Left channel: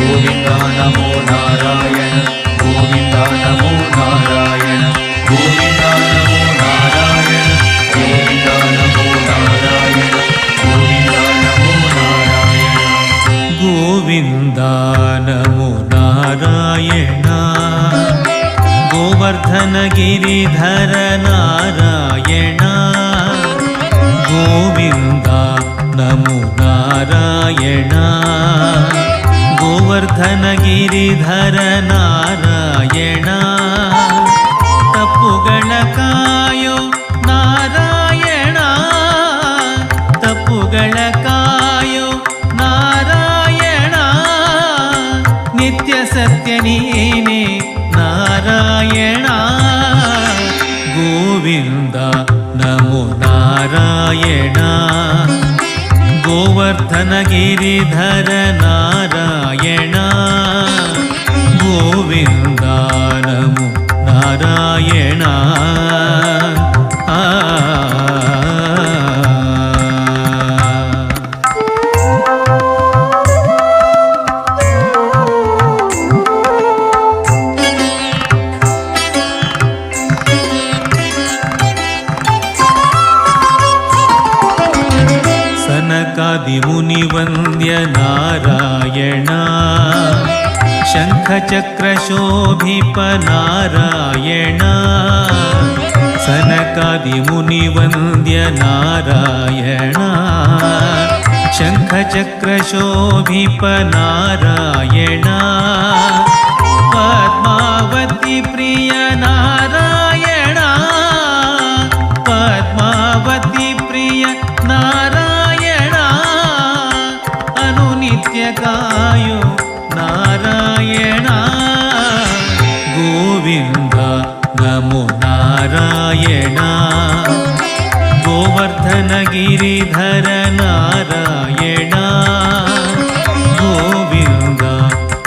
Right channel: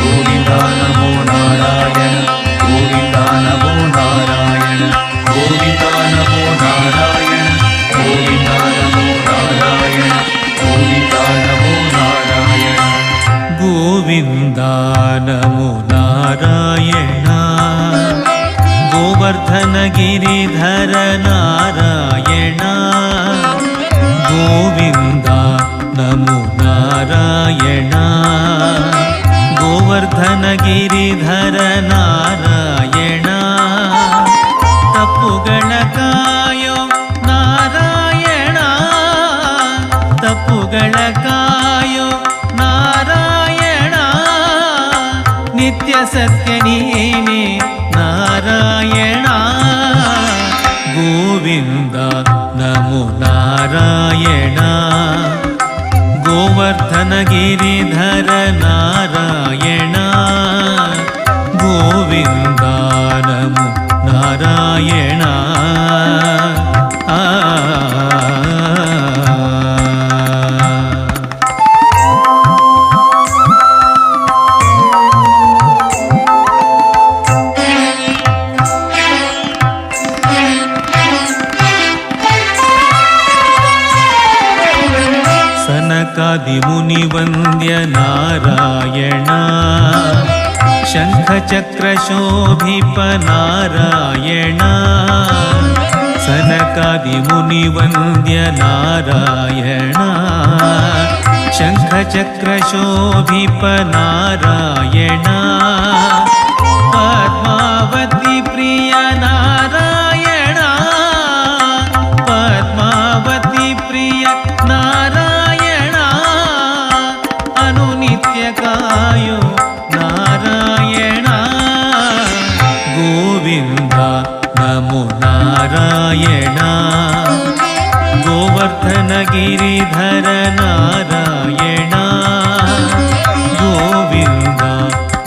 ಗೋವಿಂದ ನಮೋ ನಾರಾಯಣ ಗೋವಿಂದ ನಮೋ ನಾರಾಯಣ ಗೋವಿಂದ ನಮೋ ನಾರಾಯಣ ಗೋವಿಂದ ನಮೋ ನಾರಾಯಣ ಗೋವಿಂದ ನಮೋ ನಾರಾಯಣ ಗೋವಿಂದ ನಮೋ ನಾರಾಯಣ ಗೋವರ್ಧನ ಗಿರಿಧರ ನಾರಾಯಣ ಗೋವಿಂದ ನಮೋ ನಾರಾಯಣ ಗೋವರ್ಧನ ಗಿರಿಧರ ನಾರಾಯಣ ತಪ್ಪುಗಳ ಕಾಯೋ ನಾರಾಯಣ ತಪ್ಪುಗಳ ಕಾಯೋ ನಾರಾಯಣ ನಿತ್ಯ ಸತ್ಯ ನೀನೇ ನಾರಾಯಣ ಗೋವಿಂದ ನಮೋ ನಾರಾಯಣ ಗೋವರ್ಧನ ಗಿರಿಧರ ನಾರಾಯಣ ಗೋವಿಂದ ನಮೋ ನಾರಾಯಣ ಸನಕಾದಿಮುನಿವಂದ್ಯ ನಾರಾಯಣ ಶಂಖಚಕ್ರಶೋಭಿಪ ನಾರಾಯಣ ಸನಕಾದಿಮುನಿವಂದ್ಯ ನಾರಾಯಣ ಶಂಖಚಕ್ರಶೋಭಿಪ ನಾರಾಯಣ ಪದ್ಮಾವತಿ ಪ್ರಿಯ ನಾರಾಯಣ ಪದ್ಮಾವತಿ ಪ್ರಿಯ ನಾರಾಯಣ ಅನುನಿತ್ಯ ಕಾಯೋ ನಾರಾಯಣ ಗೋವಿಂದ ನಮೋ ನಾರಾಯಣ ಗೋವರ್ಧನ ಗಿರಿಧರ ನಾರಾಯಣ ಗೋವಿಂದ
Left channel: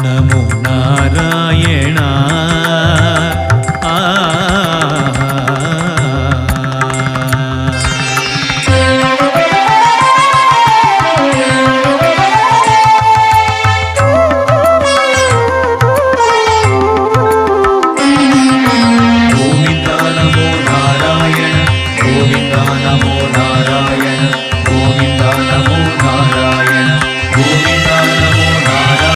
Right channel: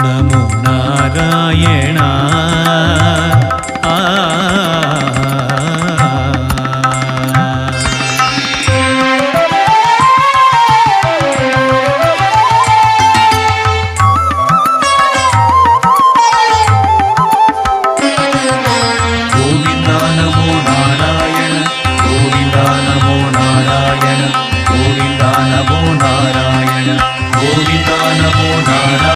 ನಮೋ ನಾರಾಯಣ